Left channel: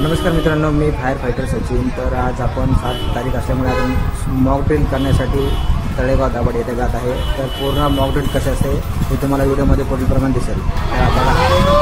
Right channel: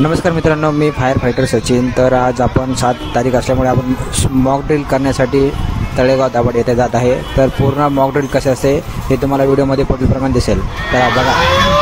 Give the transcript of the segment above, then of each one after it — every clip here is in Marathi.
नमस्कार मित्रांनो, मी फायर फायटर सचिन। तर आज आपण 7 तारीख असल्यामुळे आपण मॉक ड्रिल करण्यासाठी तळेगाव दाभाडे येथे जात आहे। तर पूर्ण मॉक ड्रिल कसे असते हे तुम्हाला व्हिडिओमध्ये पुढीलप्रमाणे दिसेल, तर बघा।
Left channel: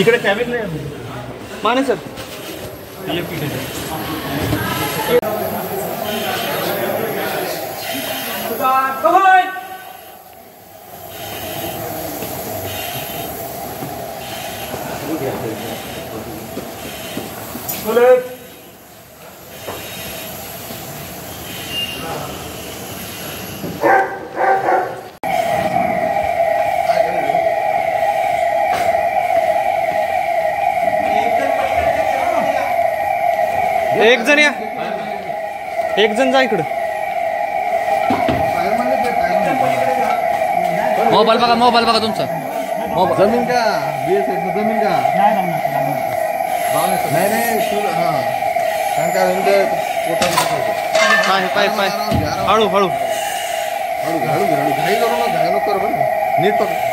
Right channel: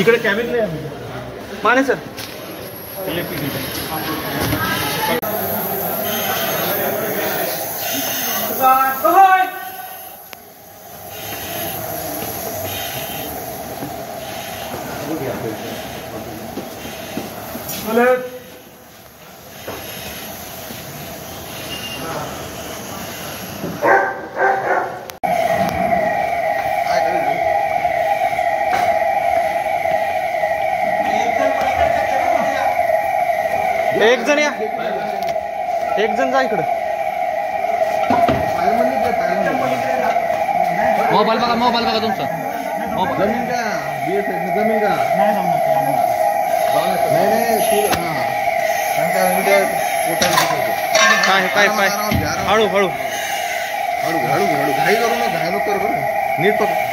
इकडे कॅबिन माने सर एक जण या, एक जण जा इकडं। मोबाईल बघा तुमचा। जमीन का BSF जमीन का नाही काय हळू हळू घाई करू ना, घाई नको कर बरं, नीट पकड।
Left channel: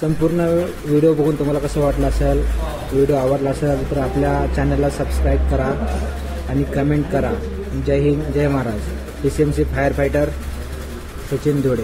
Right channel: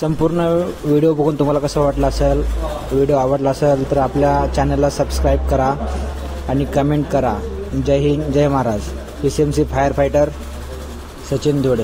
संपूर्ण व्हिडिओ बघून तुम्हाला कसं वाटलं असेल, व्हिडिओ आवडला असेल तर आपल्या चॅनलला सबस्क्राईब करा आणि कमेंट करा। जय हिंद, जय महाराज। PCMC fire fighter Sachin Dhule.